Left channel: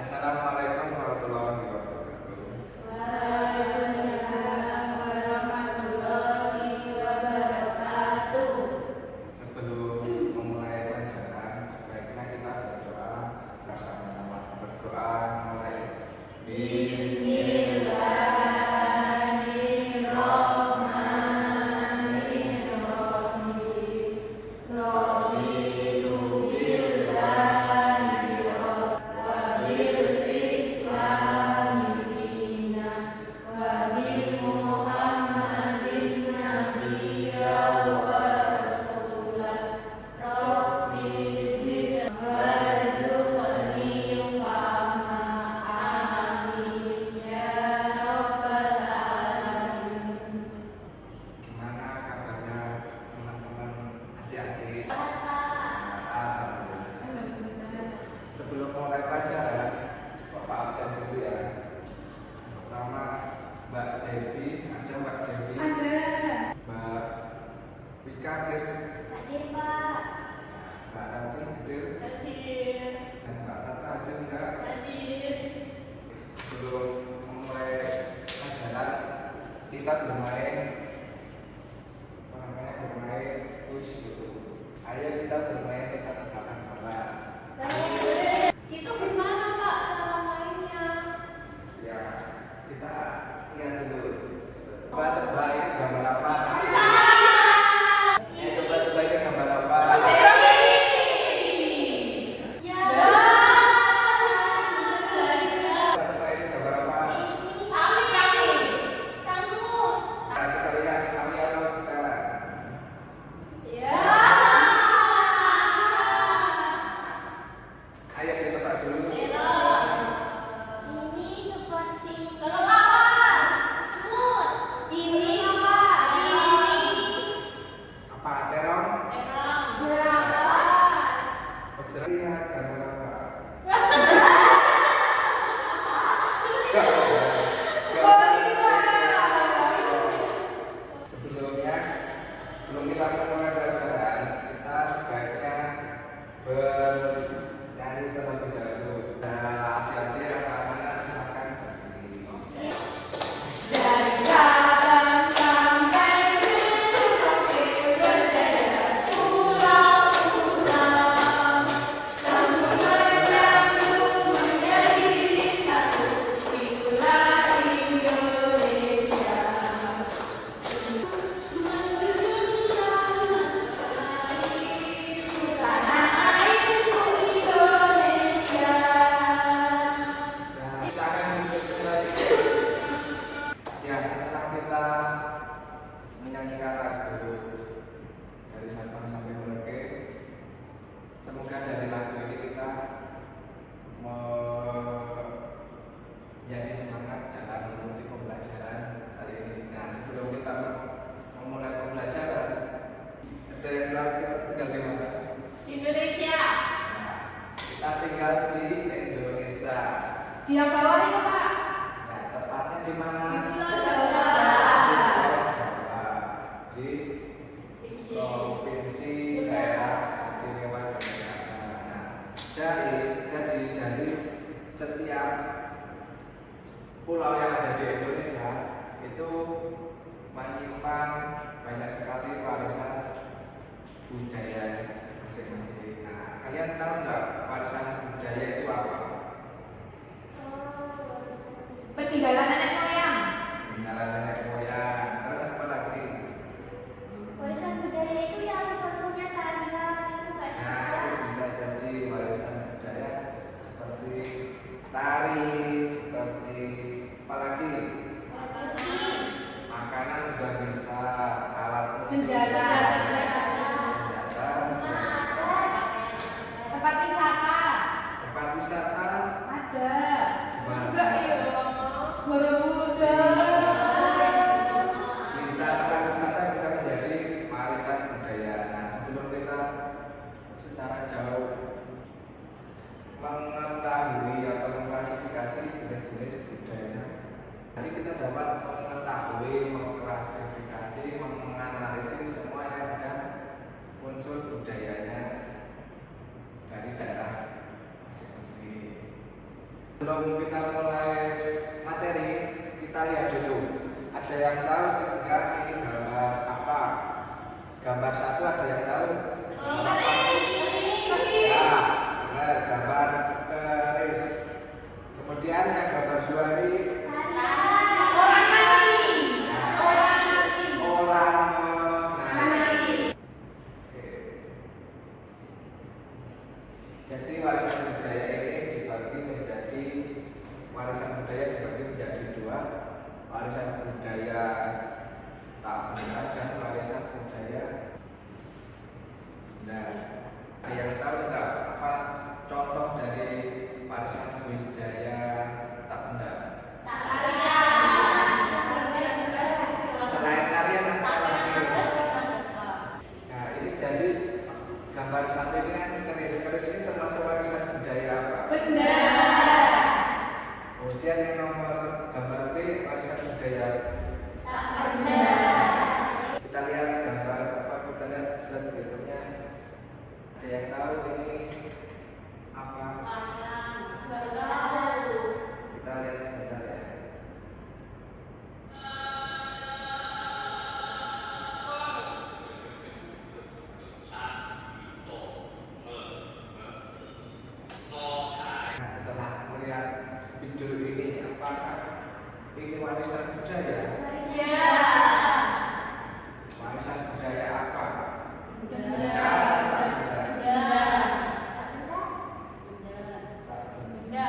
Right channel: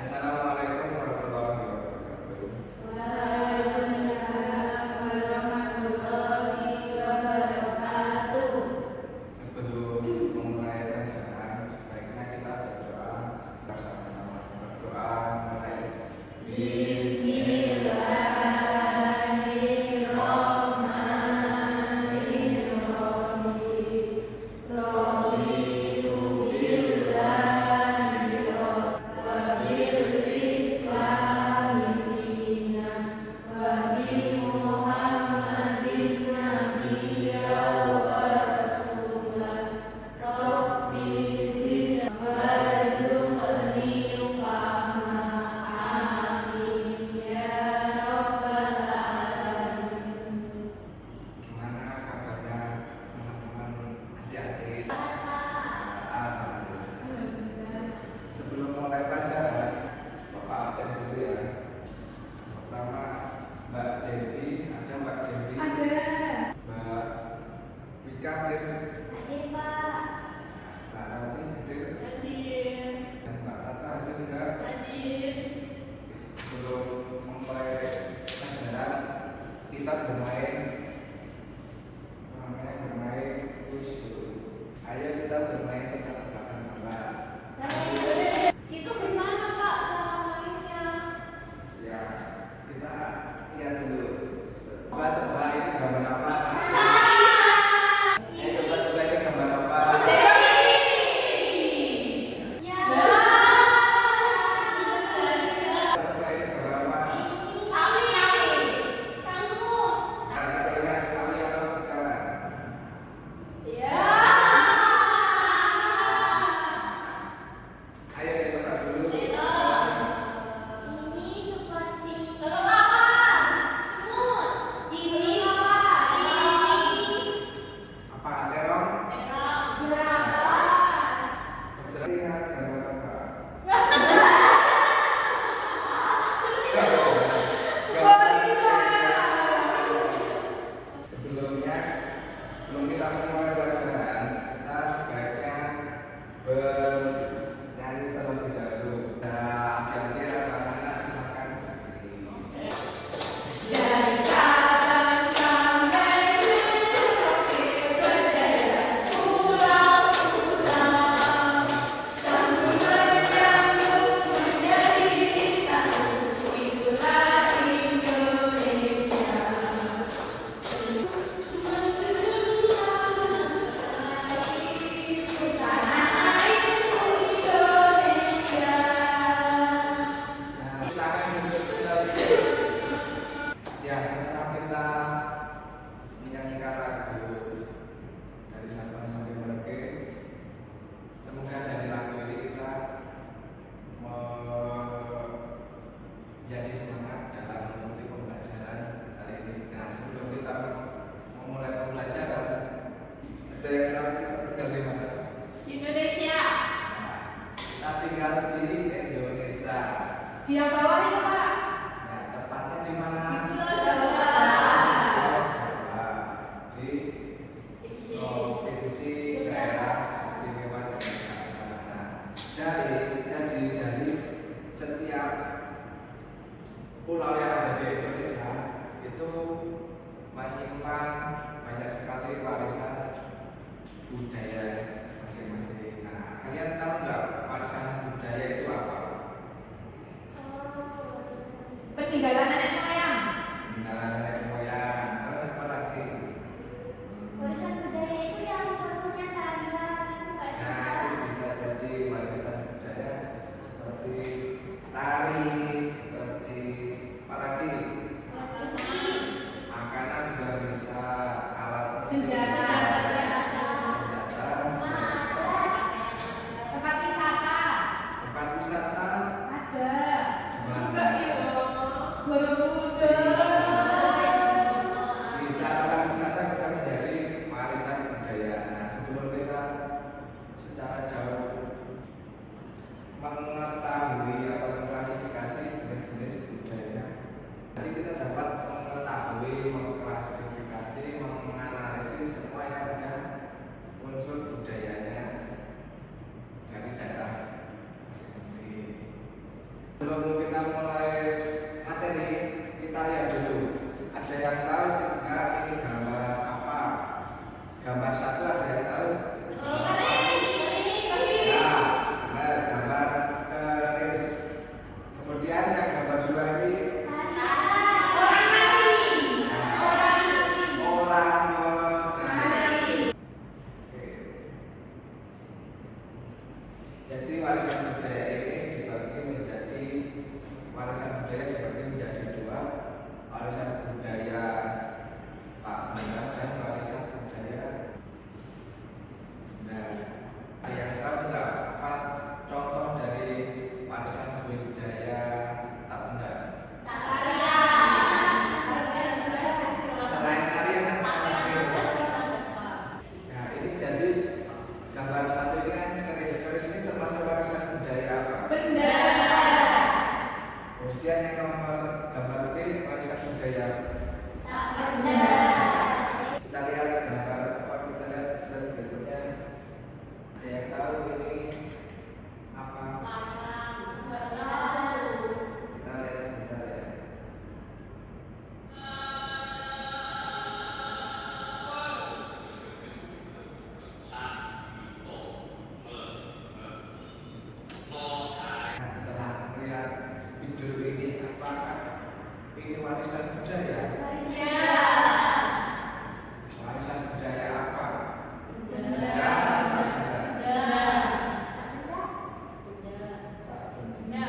Assalamualaikum warahmatullahi wabarakatuh. Waalaikumsalam warahmatullahi wabarakatuh. Sebelum memulai pelajaran, sebaiknya kita berdoa. Bersama-sama berdoa mulai. Gimana kabarnya teman-teman adik-adik? Alhamdulillah. Sebelum mulai pelajaran, Bapak absen dulu ya. Pertama, Mbak Devi, ada Mbak Devi? Ada. Mbak Wika hadir? Hadir, Pak. Mbak Tati hadir? Hadir. Dan Mbak Tata hadir enggak? Hadir. Sebelum memulai pelajaran, kita bermain kuis dulu. Ayo kita bermain tebak-tebakan bola. Itu gimana, Pak, cara mainnya? Ya, kita lihat dulu. Tebak-tebak ini gambar apa? Tebak-tebak ini gambar apa? Tebak-tebak ini gambar apa? Kita lihat Sami atau kawan. Ayo ditebak dulu. Apa terong? Lihat gambar apa? Sebelumnya, belum kita mulai pelajaran, kita sebaiknya bernyanyi terlebih dahulu. Nah, adik-adik anak-anak silakan berdiri. Ya, setelah kita menyanyikan lagu dari Sabang sampai Merauke, semoga dari lagu ini kita menjadi semangat dalam mengikuti pembelajaran kali ini. Nah, sebelum kita memulai pembelajaran, ada yang tahu kita tinggal di mana? Di Indonesia. Kita tinggal di Indonesia. Di yang bawah itu, Pak. Nah, tepatnya di mana? Pulau Jawa. Di provinsi daerah istimewa Yogyakarta. Jadi dari setiap pulau yang ada di Indonesia itu menyimpan banyak sekali warisan budaya masing-masing. Nah, kalian tahu nggak warisan budaya itu apa? Peninggalan nenek moyang. Peninggalan nenek moyang. Terus apa lagi? Warisan budaya itu yang contohnya tarian itu nggak sih, Nah, Pak? itu bisa jadi warisan budaya seperti tari, seperti apa lagi? Makanan juga bisa, alat musik, Senjata. senjata juga bisa. Tempat wisata. Tempat wisata Ada. Mana? Enggak ya, Borobudur. bisa, tempat wisata bisa menjadi warisan budaya. Nah, sebelum kita secara jauh mengetahui atau mengklasifikasi jenis-jenis budaya, jadi kita dapat mengetahui, mengklasifikasi, menganalisis semua yang ada unsur budayanya dari daerah masing-masing. Sebelum kita mulai materi, kita lihat dulu. Ada yang tahu tidak ini gambar apa? Gambar satu ada yang tahu? Ya, benar, gambar keris. Kemudian yang gambar dua ini orang menari. Jadi warisan budaya ini dibagi menjadi dua, warisan budaya tak benda dan warisan budaya. Nah, yang tahu enggak apa contoh dari warisan budaya tak benda? Selain tarian apa lagi? Nah, ini jadi gambar satu ini kan keris ini termasuk warisan budaya apa? Benda. Kemudian yang nomor gambar B warisan budaya. Kita lihat gambar apa, kita lihat slide berikutnya. Ada yang tahu ini apa? Kita lihat sebentar ya. Nah, setelah melihat video ini, apakah ini warisan budaya? Warisan budaya apa? Benda atau benda? Tak benda.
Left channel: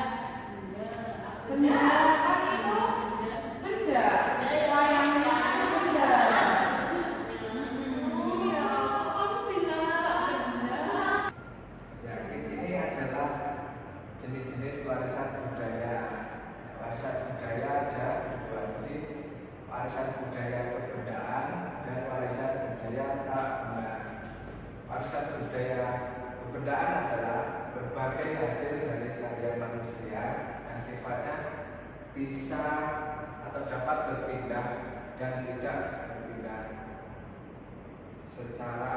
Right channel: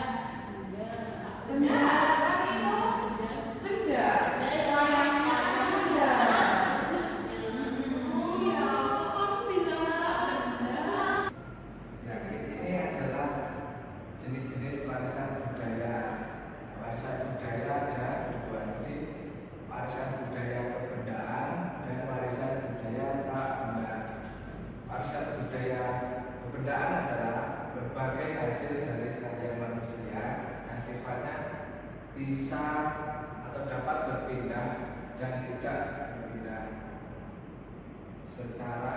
Ya, ini adalah jenis-jenis warisan budaya. Warisan budaya ada dua, jadi warisan budaya kebudayaan dan warisan budaya tak benda. Warisan budaya kebudayaan adalah berbagai hasil dari karya manusia yang sifatnya bisa atau dapat berpindah dan tidak berpindah secara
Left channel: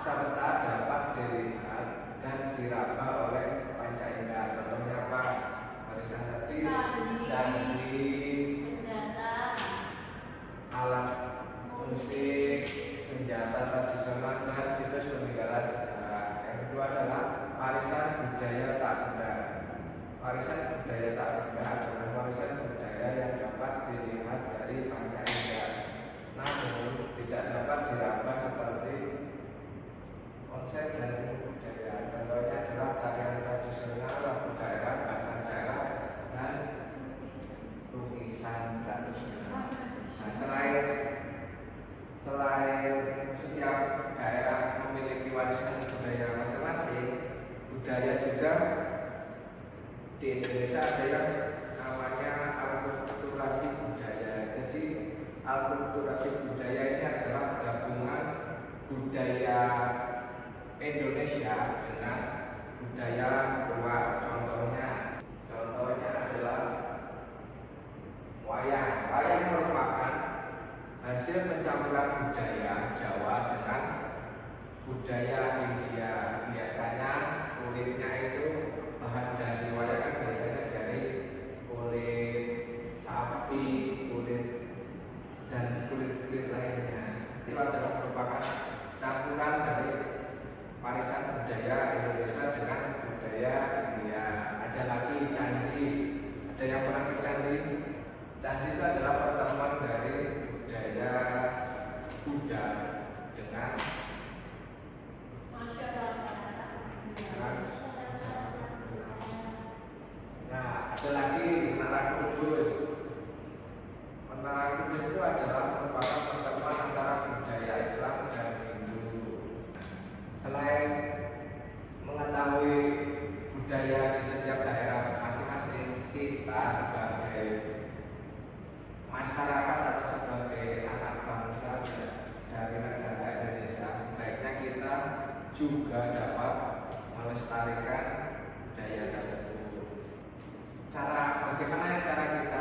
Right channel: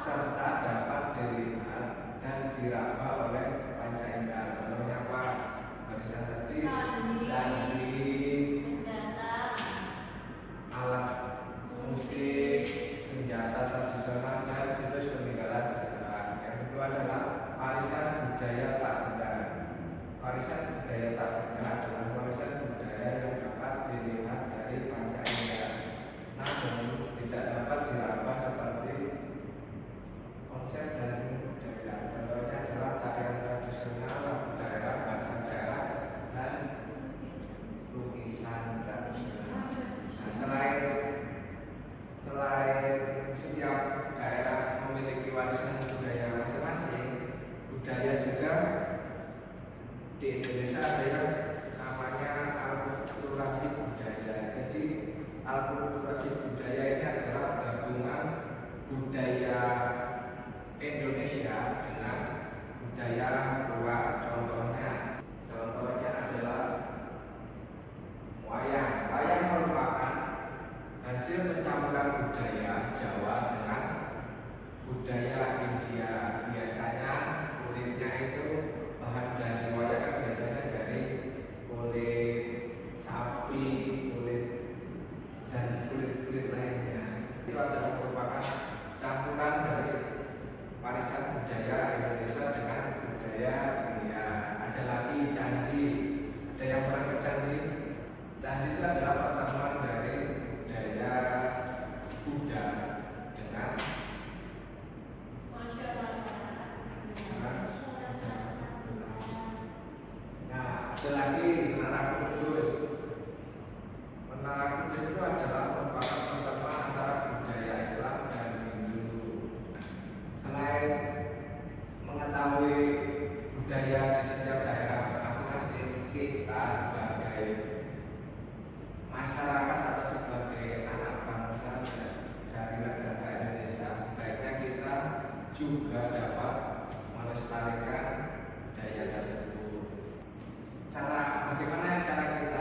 serta dapat dilihat dan diraba oleh panca indera. Contohnya apa? Warisan tadi candi, alat musik, senjata tradisional dan situs peninggalan sejarah. Yang kedua adalah warisan budaya tak benda. Warisan budaya tak benda adalah warisan budaya yang dapat dilihat dari panca indera, namun tidak dapat diraba seperti konsep dan budaya. Contohnya adalah tarian tradisional, lagu daerah, bahasa daerah, dan lukisan tradisional. Nah, selain setiap daerah memiliki warisan budaya masing-masing, budaya juga di Indonesia ada yang namanya alkulturasi budaya. Jadi alkulturasi budaya ini adalah gabungan budaya Indonesia dengan budaya luar. Contohnya adalah wayang. Wayang merupakan hasil pencampuran budaya Jawa dengan budaya India. Biasanya kulitnya itu bahan dari wayang kan biasanya dari kulit sapi, kulit dan kulit lainnya. Itu adalah merupakan campuran dari warisan budaya Indonesia dengan budaya India. Ada lagi candi. Ada yang pernah ke candi? Candi itu adalah pertemuan dari budaya Buddha dengan nah, ada lagi Menara Kudus. Menara Kudus itu adalah merupakan pertemuan antara budaya Islam dan Hindu. Selain mengetahui budaya di setiap daerah masing-masing, kita sebagai masyarakat atau sebagai anak bangsa dari negara Indonesia sebaiknya kita juga dapat melestarikan budaya tersebut. Bagaimana cara kita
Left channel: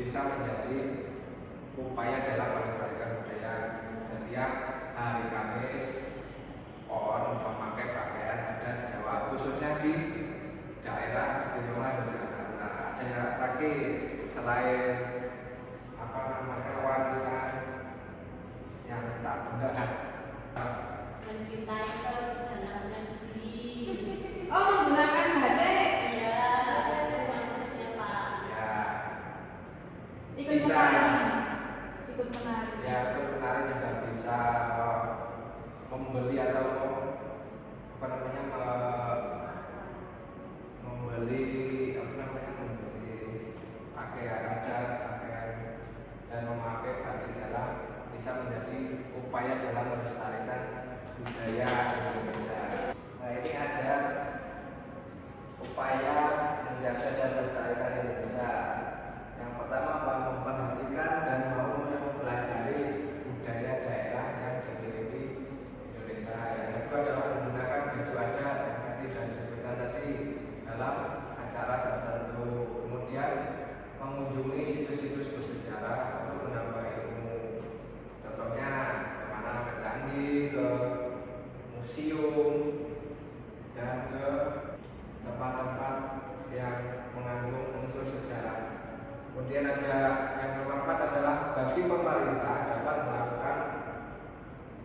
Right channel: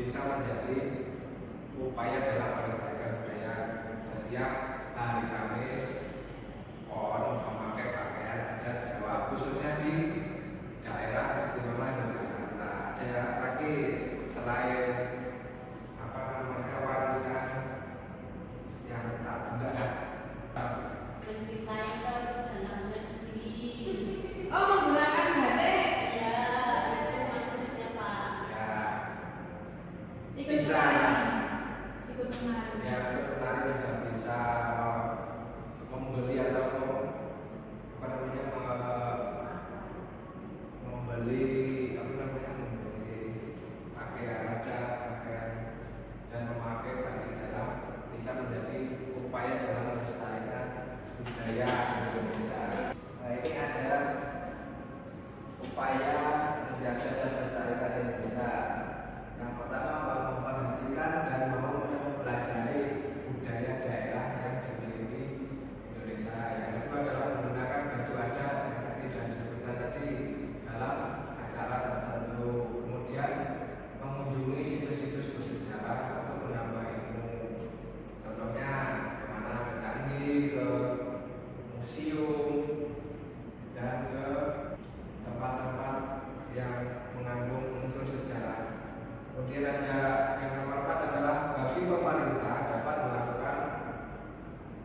bisa menjadi upaya dalam melestarikan budaya. Setiap hari Kamis PON memakai pakaian adat Jawa, khususnya di daerah istimewa Yogyakarta. Ada lagi selain warisan yang tak benda mencintai dan hanya beli. Oh, menggunakan batik. Ya, itu maksudnya Pak. ya Ikut bisa ikut menari. ya ikut menari juga bisa, membeli atau apa namanya membeli pakaian adat, pakaian dan memakai batik dalam bisa menjadi upaya dalam melestarikan budaya Indonesia. Nah, ini ada upaya menjaga dan melestarikan Indonesia. Yang pertama, memperhatikan dan mau mempelajari budaya daerah yang dimiliki Indonesia. Yang kedua adalah menggunakan baju adat yang tadi sudah disebutkan tadi dalam acara tertentu. Kemudian mengunjungi situs-situs bersejarah untuk menambah ilmu. Contohnya kemana, ke candi, ke museum, dan ke tempat-tempat yang mengandung unsur sejarah. Kemudian ada yang nomor 4 adalah bagi pemerintah dapat melakukan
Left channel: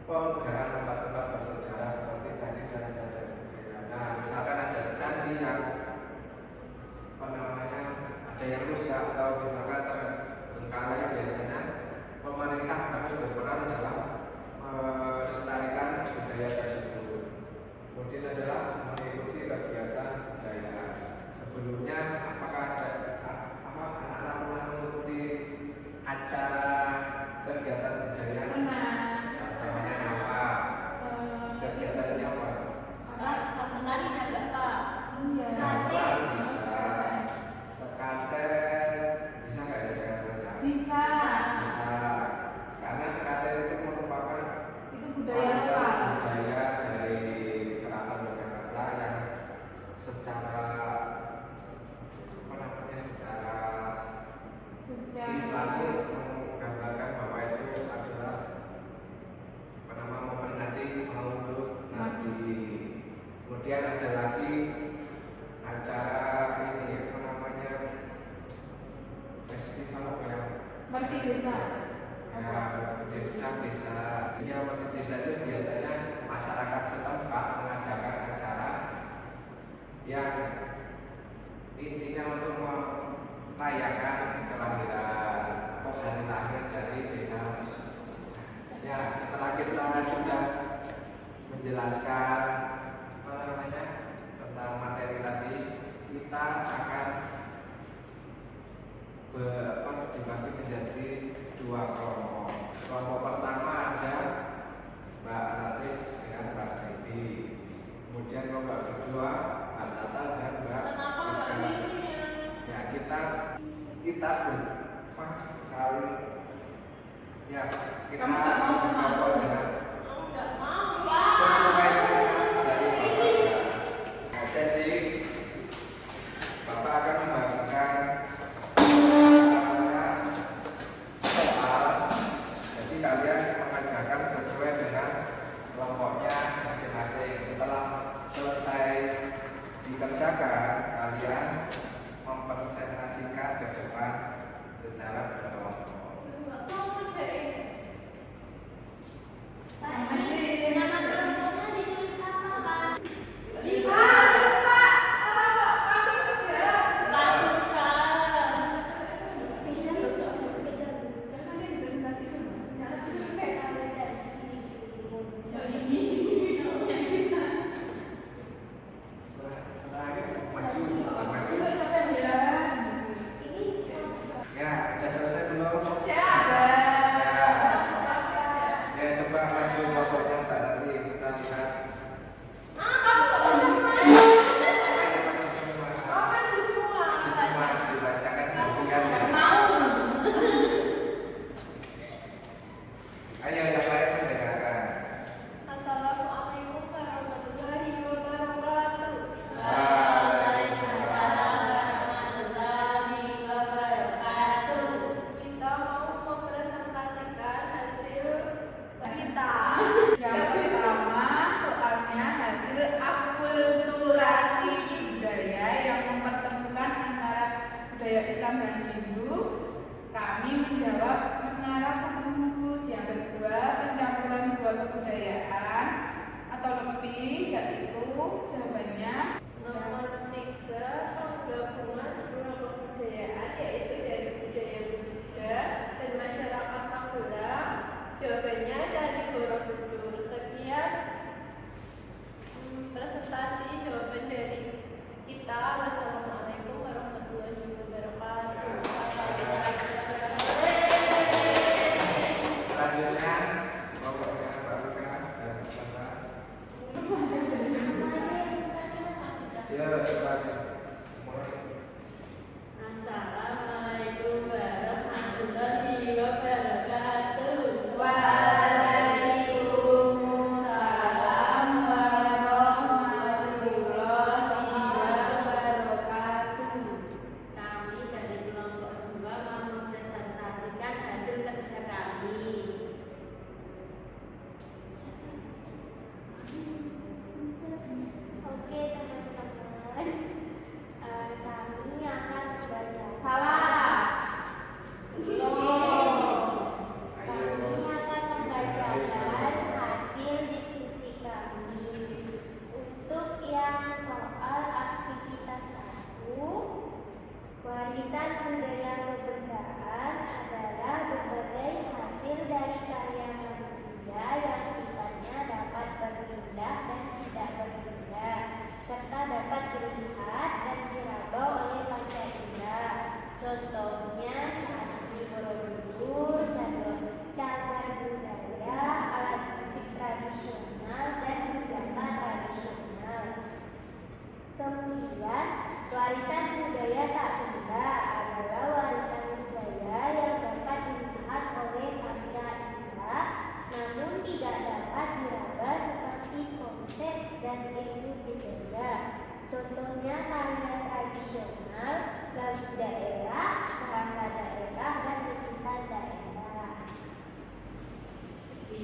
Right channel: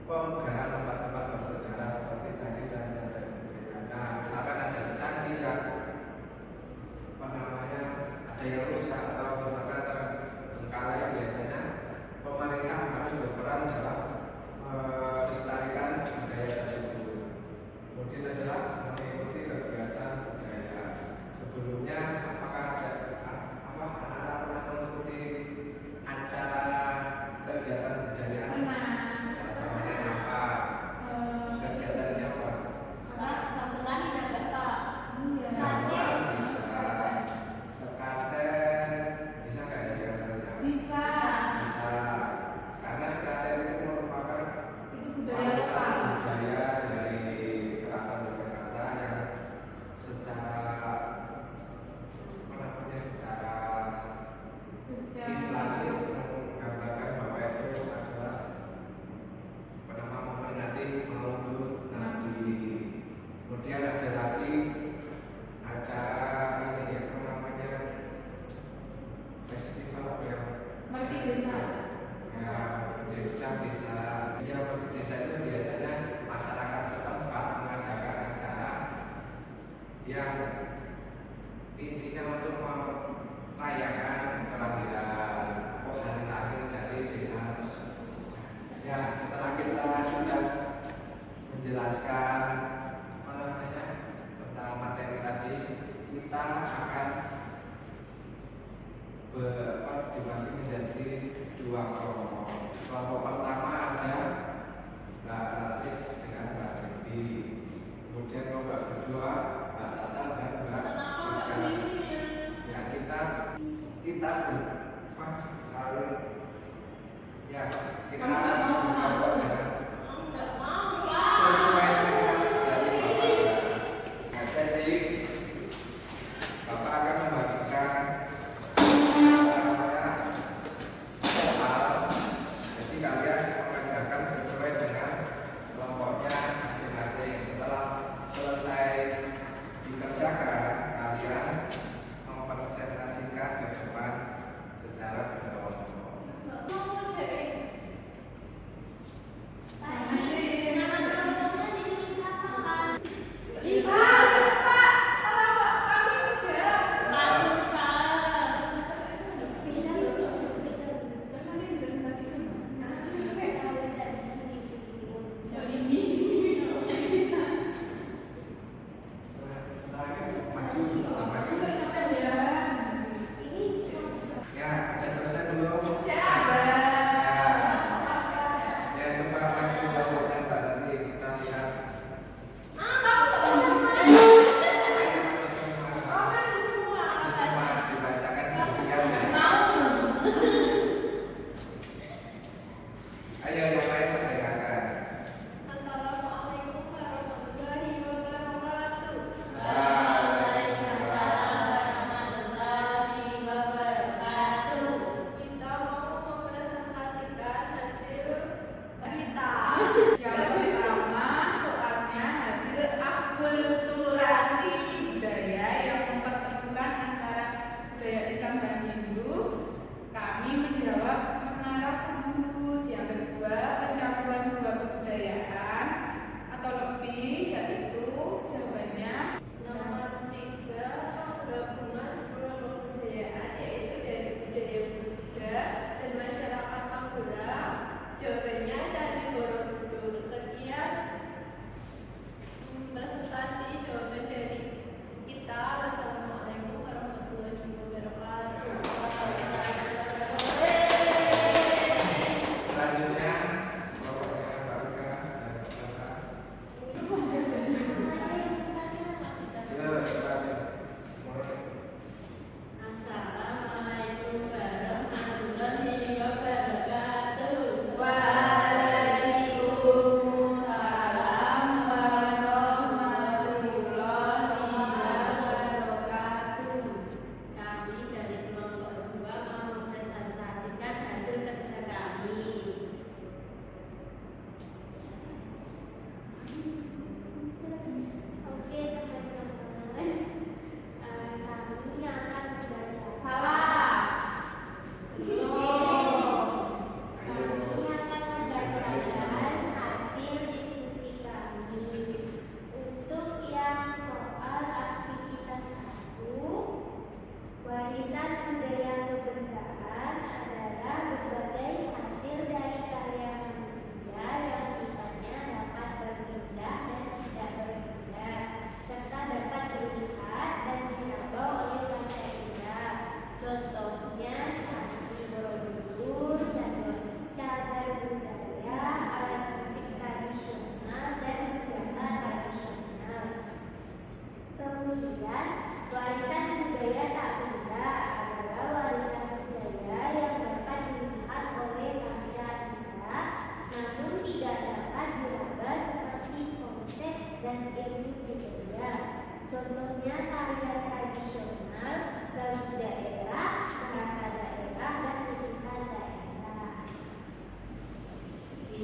pemegaran tempat-tempat bersejarah seperti candi dan cagar budaya. Nah, misalkan ada candi yang ada yang rusak atau misalkan terbengkalai, biasanya pemerintah harus berperan dalam melestarikan budaya tersebut. Kemudian adalah mengikuti kegiatan budaya. Sebelumnya apakah ada anak-anak pernah mengikuti acara kegiatan budaya? Contohnya apa? Kegiatannya apa? Gamelan tidak Pak. Gamelan bisa. Sekaten bisa nggak ya sekatennya? Bisa. Bisa. Karena sekaten itu merupakan Itu budaya warisan lokal. budaya dari Keraton Yogyakarta yang secara secara Islami menggambarkan bahwa itu adalah memperingati Maulid Nabi. Kemudian ada lagi acara festival yang Merti desa. ya desa bisa. Ya desa itu biasanya masyarakat setempat mengadakan acara yang intinya untuk merayakan kelahiran atau hari lahir dari desa tersebut. Ya, setelah kita sudah menjelaskan tentang materi tadi, kita akan dibagi menjadi 2 kelompok. Kelompok pertama ada Mbak Latif dengan Mbak Devi. Kemudian kelompok kedua Mbak Tata dan Mbak Ika. Ya, kita saling ya kita berkelompok dengan sesuai dengan dari Bapak. Nah, jadi Bapak akan membagikan jadi kalian mengerjakan sesuai dengan kelompoknya masing-masing. Setelah selesai dikerjakan, kalian mempresentasikan ke depan secara berkelompok. Ya, udah selesai belum? Ya, ada. Ya, coba maju kelompoknya Mbak, nanti kita lihat. Maju semua, dibacakan gantian ya. Ayo yang lain mendengarkan. Assalamualaikum warahmatullahi wabarakatuh. Waalaikumsalam. Waalaikumsalam warahmatullahi wabarakatuh.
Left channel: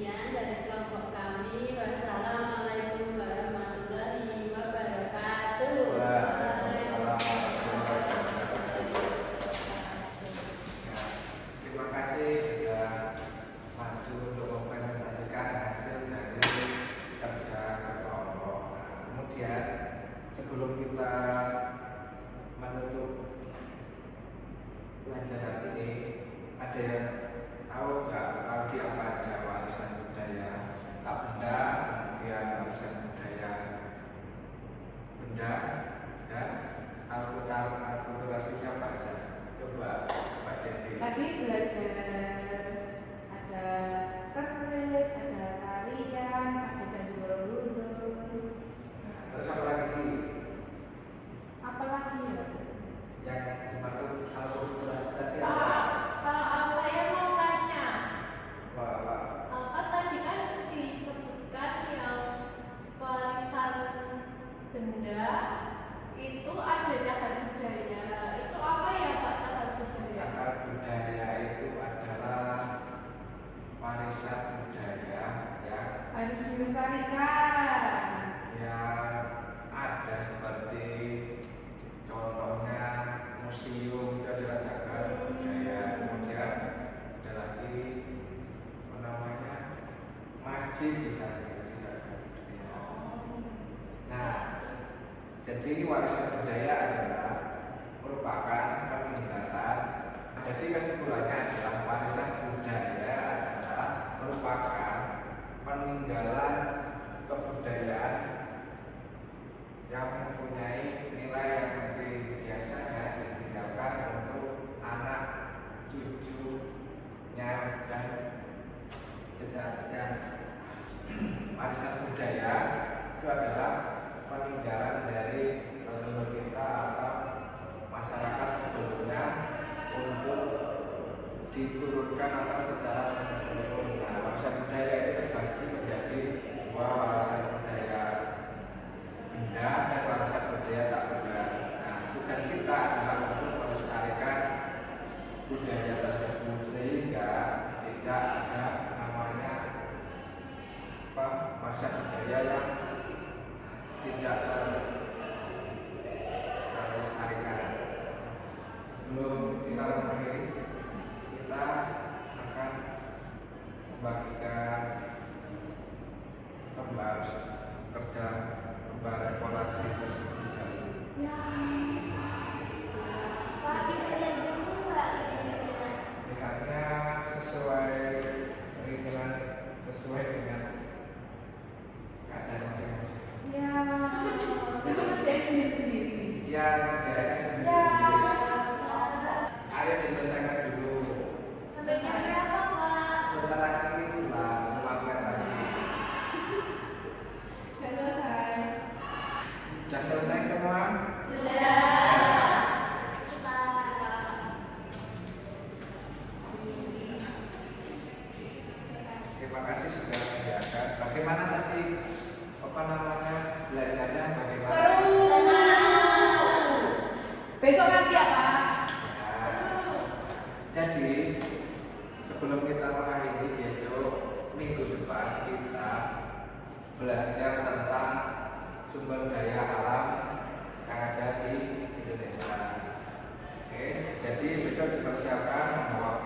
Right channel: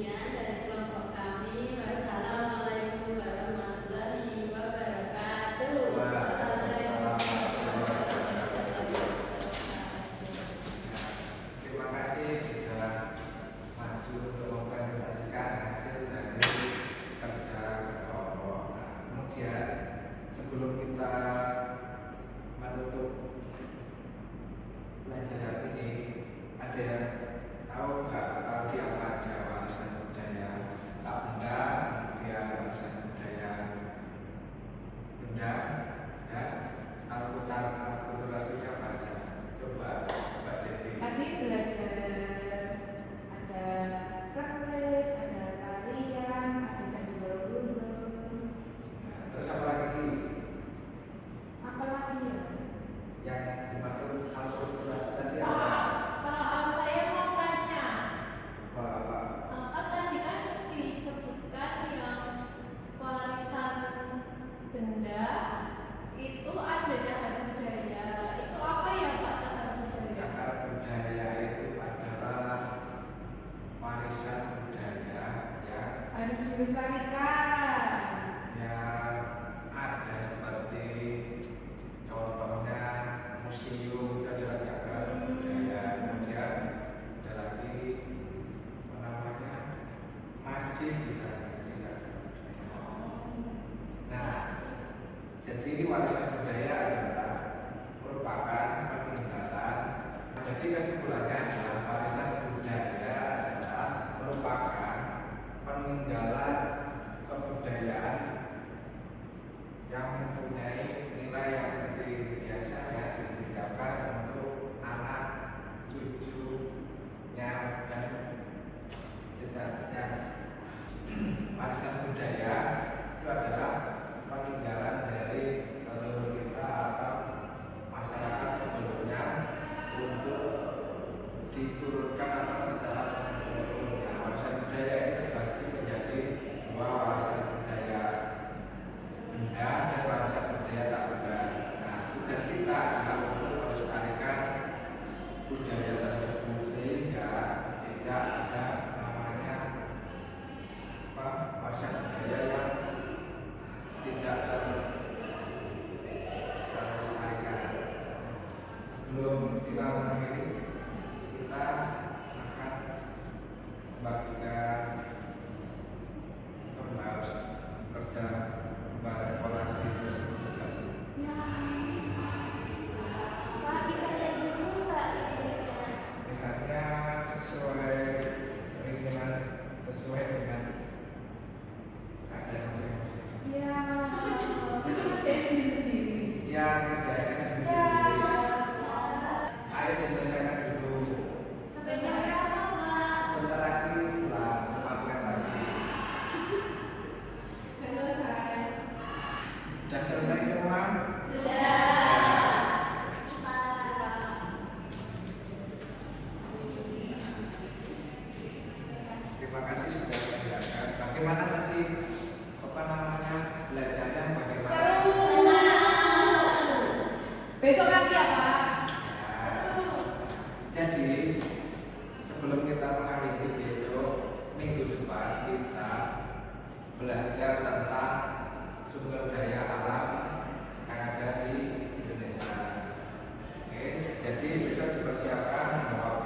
sekian dari kelompok kami. Wassalamualaikum warahmatullahi wabarakatuh. Waalaikumsalam warahmatullahi wabarakatuh. Ya, terima kasih sudah maju untuk mempresentasikan hasil dari kerja kelompok. Nah, kemudian sebelum kita menutup pelajaran ini, ada yang tahu nggak tadi apa aja warisan budaya tak benda, kemudian warisan budaya benda, dan akulturasinya apa aja? Coba Mbak Devi. Tadi belajar ada keris, ada tarian, ada candi Borobudur. Terus apa lagi Apa lagi ya? yang dimaksud akulturasi tadi apa? Kalau saya mau tanya, Apa? tadi kan disebutkan yang warisan benda itu ada cagar budaya. Itu apa ya Pak cagar budaya? Cagar budaya itu adalah warisan budaya yang Harus dilestarikan. ada seperti contohnya museum itu adalah cagar budaya, kemudian ada lagi apa namanya masjid bisa juga. Nah, jadi warisan budaya adalah merupakan peninggalan. Jadi kesimpulannya adalah warisan budaya adalah merupakan peninggalan kebudayaan yang mempunyai nilai yang penting, biasanya ditinggalkan untuk anak cucunya dan jejaknya. Warisan budaya itu adalah peninggalan dari leluhur kita atau masyarakat sebelumnya untuk diturunkan atau secara turun-temurun. Nah, warisan budaya ini terbagi menjadi dua, warisan budaya benda dan warisan budaya tak benda. Nah, tugas kita adalah untuk melestarikan budaya tersebut sehingga tidak ada namanya warisan budaya yang tidak terlestarikan. Sebelum kita mengakhiri, kita akan membagikan pembahasan kerja evaluasi tersebut. Pak bisa lihat dulu Mbak. Lihatnya sesuai keinginan, sesuai dengan keadaan masing-masing. Ya, itu ngerjain sendiri-sendiri. Ya, kerjanya sendiri. Ayo diselesaikan dulu. Sampai jam berapa Pak? Sebentar lagi lah, 5 menit lagi. Gak selesai. Sudah selesai semua? Terima kasih sudah mendengarkan. Bagaimana tadi belajarnya bagaimana? Besok lagi ya Pak. Nah, jadi sebelum kita mengakhiri besok minggu depan kita belajar tentang sumber daya alam yang ada di Indonesia. Oke, jadi besok dipersiapkan membawa